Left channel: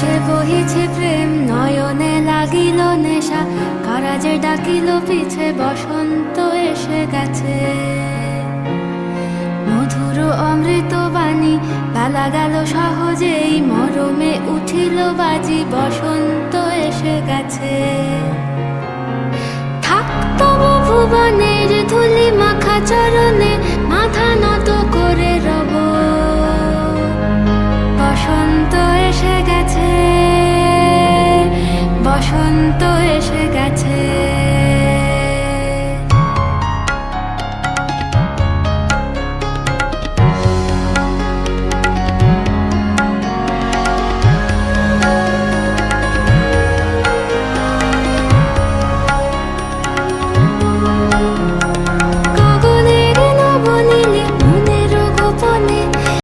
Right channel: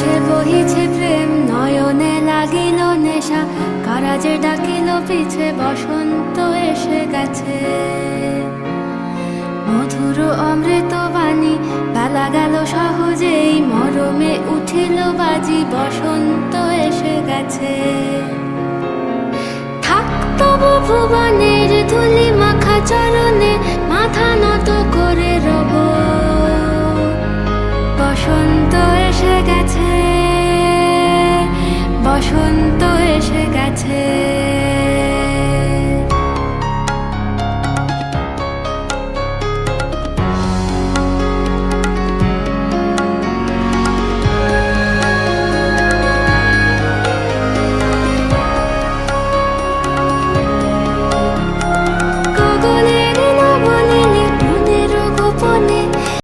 আকাশে বহিছে প্রেম, নয়নে লাগিল নেশা, কারাজে ডাকিল পিছে, বসন্ত এসে গেছে। মধুর অমৃত বাণী, বেলা গেল সহজেই, মরমে উঠিল বাজি, বসন্ত এসে গেছে। থাক তবু ভুবনের ধুলি মাখা চরণে, মাথা নত করে রব। বসন্ত এসে গেছে, বসন্ত এসে গেছে।